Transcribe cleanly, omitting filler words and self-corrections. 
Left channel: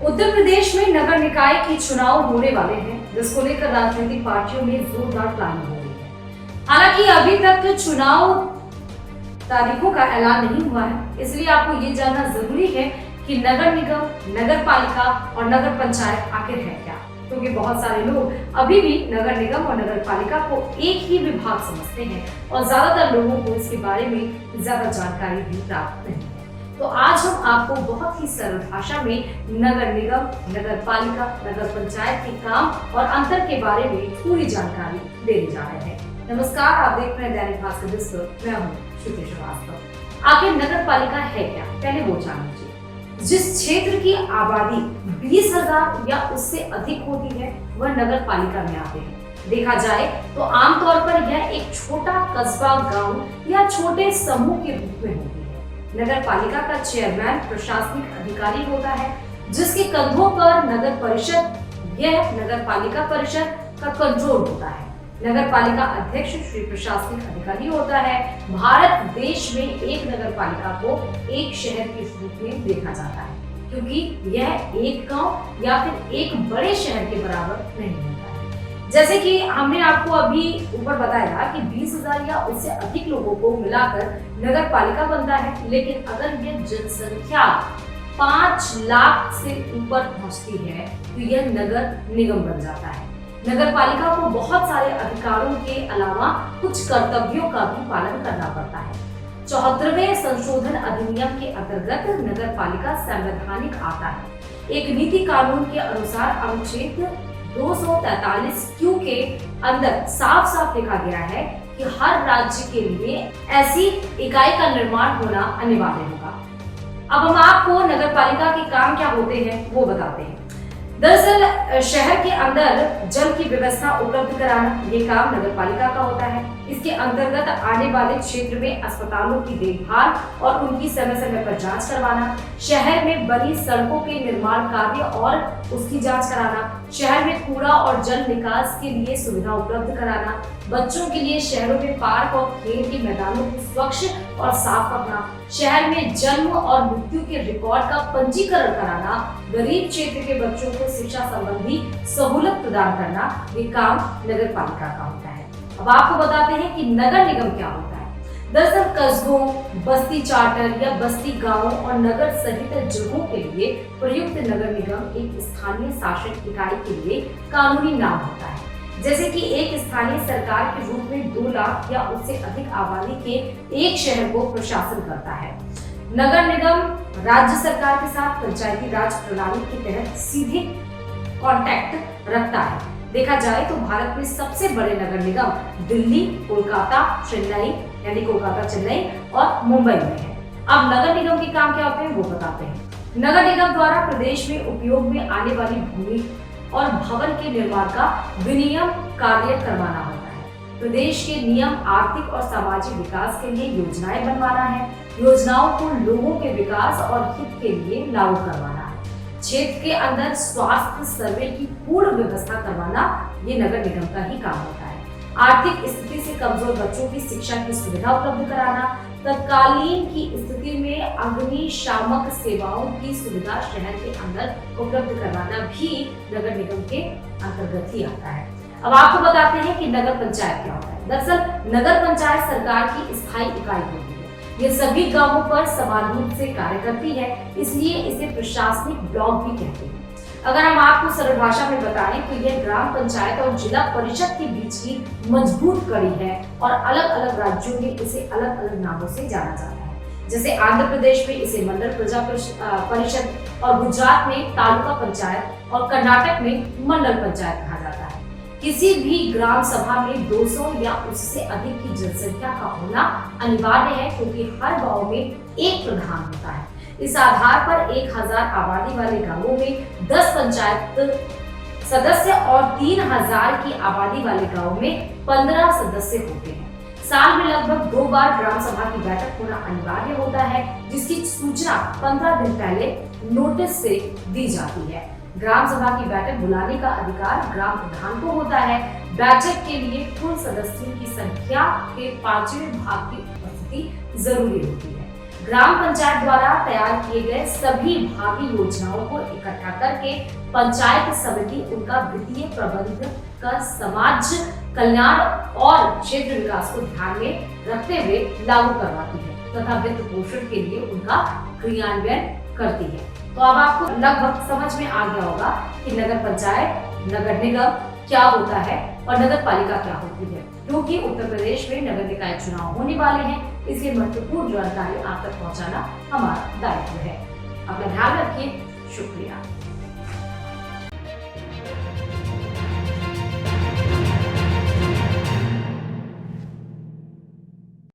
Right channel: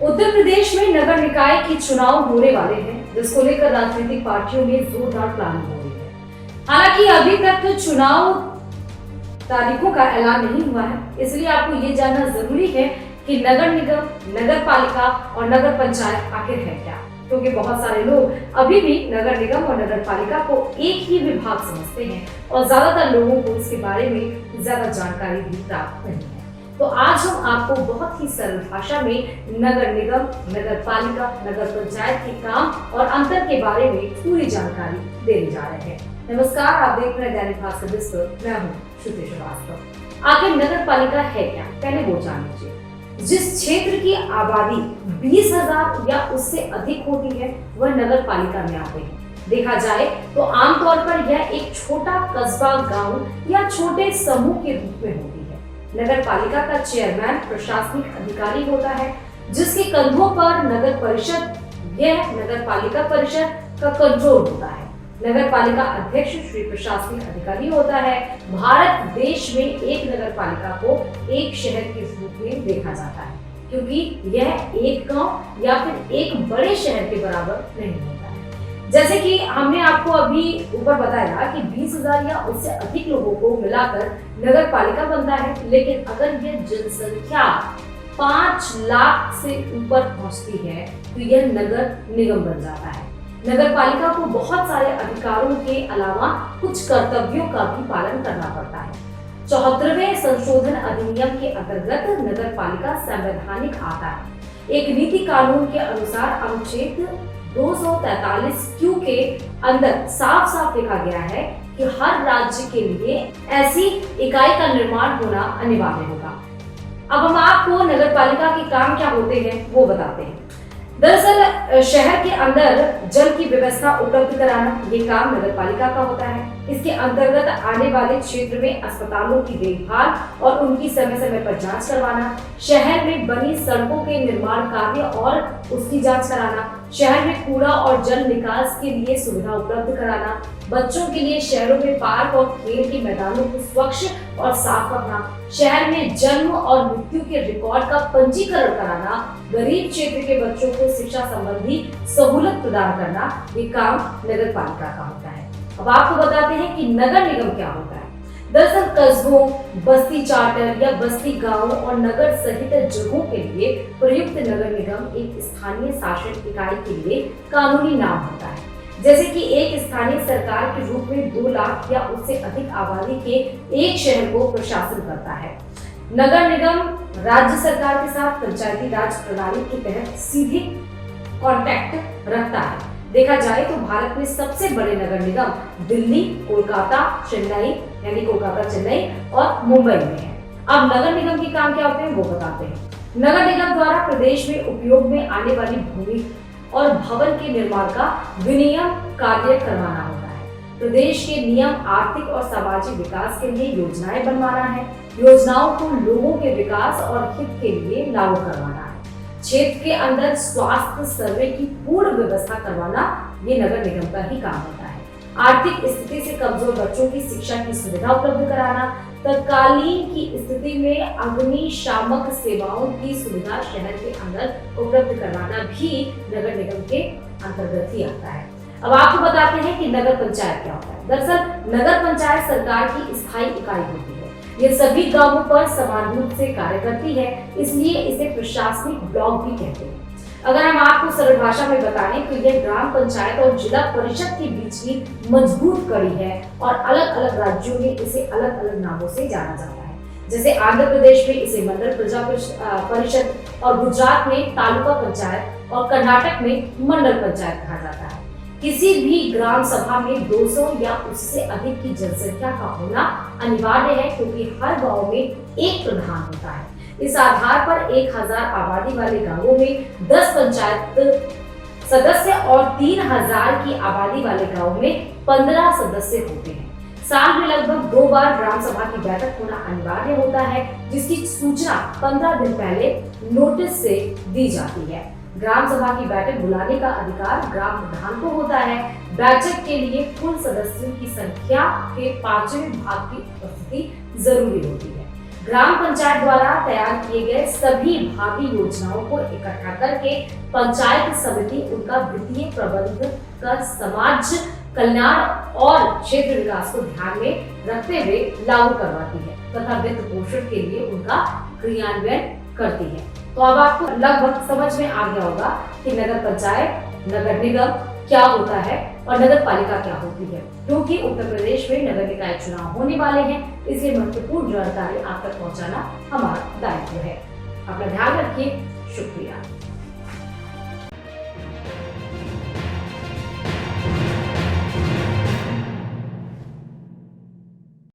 उत्तर प्रदेश में नगर निकाय के चुनाव होने वाले हैं, जिसको लेकर राजनीतिक पार्टियों में जोरदार प्लानिंग हो रही है। हालांकि अभी तक चुनाव तारीखों का ऐलान नहीं हुआ है, इसलिए आपको ये जानना जरूरी है कि नगर निगम, नगर पालिका और नगर पंचायत आखिर है क्या, क्योंकि बहुत सारे लोग अभी भी नगर निगम और नगर पालिका को एक ही विभाग समझते हैं और ज्यादातर लोगों को इसके बारे में ज्यादा जानकारी भी प्राप्त नहीं है। तो आज हम आपको बहुत ही सरल भाषा में नगर निगम, नगर पालिका, नगर पंचायत के काम और अंतर के बारे में पूरी जानकारी देने जा रहे हैं। नमस्कार, आप देख रहे हैं दैनिक भास्कर डिजिटल। मैं हूँ श्रुति श्रीवास्तव। आखिर नगर पालिका है क्या, पहले वो जान लीजिए। जिस क्षेत्र की आबादी 20,000 या उससे अधिक होती है वह नगर पालिका में आते हैं। देखा जाए तो आमतौर पर यह एक छोटा कस्बा, गांव या छोटे समूह के रूप में होती है। नगर पालिका का चेयरमैन प्रशासनिक अधिकारी होता है, जिसके कंधों पर नगर परिषद, यह नगर पालिका परिषद का कंट्रोल होता है। नगर पालिका अध्यक्ष श्री प्रशासनिक अधिकारी होता है। भारत देश में एक नगर पालिका को एक शहर के रूप में देखा जाता है, क्योंकि यह एक गांव या फिर एक बड़े शहर के बराबर नहीं होता है। जैसे कि हमने आपको अभी ऊपर बताया कि 20,000 या उससे अधिक लोगों को मिलाकर नगर पालिका बनता है, लेकिन अगर यह जनसंख्या 5 लाख से ऊपर पहुंचती है तो यह नगर निगम बन जाता है। नगर पालिका को बहुत सारे अधिकारों के अलावा कुछ कर्तव्यों का भी पालन करना पड़ता है। 74वें संशोधन अधिनियम के अंतर्गत नगर पालिका संवैधानिक आता है। एक नीति कानून के अनुसार अनुच्छेद 243 के अंदर साफ साफ लिखा गया है कि हर राज्य के लिए ऐसी इकाई का निर्माण होना अनिवार्य होगा। अब हम आपको नगर पालिका के काम क्या होते हैं वो बताते हैं। दरअसल शहर के अंदर जल की व्यवस्था उपलब्ध कराना ये काम नगर पालिका का होता है। इसके अंतर्गत आने वाले क्षेत्र में अस्पतालों की देखभाल और उनकी समय समय पर जांच करवाना, शहर में बनी सड़कों के निर्माण कार्य और उसकी जांच कराना, शहर में कूड़ा और जल निकास के लिए सुविधा उपलब्ध कराना, बच्चों के लिए शहरों में पार्क और खेल के मैदानों को स्वच्छ और साफ रखना, शहर में जन्म और मृत्यु के रिकॉर्ड का पंजीकरण कराना, गरीब क्षेत्र के बच्चों को शिक्षा संबंधी सहूलत प्रदान करना, ये काम नगर पालिका का होता है। अब आपको बताते हैं कि नगर निगम क्या होता है। दरअसल कस्बों, बस्ती चार्टर या बस्ती गांवों और नगर सहित जगहों के लिए प्रयुक्त नगर निगम एक स्थानीय शासन इकाई के लिए कानूनी नाम होता है। जैसे कि एक स्थानीय सरकार के रूप में 2 लाख या उससे अधिक आबादी के एक शहर को प्रशासन करता है। नगर निगम राज्य सरकार के साथ पंचायती राज प्रणाली के तहत सीधे कांटेक्ट रखता है। देखा जाए तो भारत में सबसे बड़े नगर निगम दिल्ली, कोलकाता, चेन्नई यानी कोलकाता, चेन्नई और मुंबई में है। अब नगर निगम के काम क्या होते हैं वो बताते हैं। नगर निगम द्वारा प्रदेश में उपयोग में आने वाली भूमि और भवन के निर्माण का विनियम कार्य करवाना होता है। प्रदेश के नियम आर्थिक और सामाजिक विकास के लिए योजनाएं बनवाना है। योजनाओं को लोगों के विकास और हित के लिए लागू करवाना है। क्षेत्र के अंदर स्वास्थ्य सर्वे की पूर्ण व्यवस्था करवाना ये नगर निगम का ही काम होता है। आर्थिक स्थिति से कमजोर बच्चों की शिक्षा की सुविधा उपलब्ध कराना, तत्कालीन की स्थिति में अग्निशामक सेवाओं की सुविधा शहर के अंदर उपलब्ध करवाना भी नगर निगम के अंतर्गत ही आता है। अब आपको बताते हैं कि नगर पंचायत क्या होता है। दरअसल नगर पंचायत सरकार की स्थायी इकाई होती है। ये सभी गांवों पर समान रूप से कार्य करती है, इसलिए इसे प्रशासनिक ब्लॉक भी कहते हैं। अगर हम आपको सरल भाषा में बताएं तो यह ग्राम पंचायत और जिला परिषद के बीच की मजबूत कड़ी है और अलग अलग राज्यों में इसे अलग अलग नामों से जाना जाता है। जैसे आंध्र प्रदेश में इसे मंडल प्रजा परिषद और गुजरात में तालुका पंचायत और कर्नाटक में मंडल पंचायत कहा जाता है। किसी भी ग्राम सभा में 200 या उससे अधिक की जनसंख्या का होना अनिवार्य है, क्योंकि हर गांव में एक प्रधान होता है। इस आधार पर 1000 आबादी वाले गांवों में 10 पंचायत सदस्य और 3000 की आबादी वाले गांव में 15 सदस्य होते हैं। साल में लगभग 2 बार ग्राम सभा की बैठक होना अनिवार्य होता है, जिसकी सूचना 15 दिन पहले नोटिस से दी जाती है। ग्राम सभा की बैठक बुलाने का अधिकार ग्राम प्रधान को होता है। बैठक के लिए कुल सदस्यों की संख्या के 5वें भाग की उपस्थिति जरूरी होती है। ग्राम पंचायत द्वारा तैयार किए गए सभी भावी योजनाओं को इकट्ठा करके पंचायत समिति उनका वित्तीय प्रबंधन कर समाज कल्याण और क्षेत्र विकास को ध्यान में रखते हुए लागू करवाती है तथा वित्त पोषण के लिए उनका क्रियान्वयन करती है। तो अब आपको लगभग समझ में आ गया होगा कि नगर पंचायत, नगर निगम क्या होता है और नगर पालिका क्या होती है। क्योंकि उत्तर प्रदेश में नगर निकाय चुनाव होने वाले हैं, इसलिए महत्वपूर्ण जानकारी आप तक पहुंचाना हमारा दायित्व है। अपना ध्यान रखिए। शुक्रिया।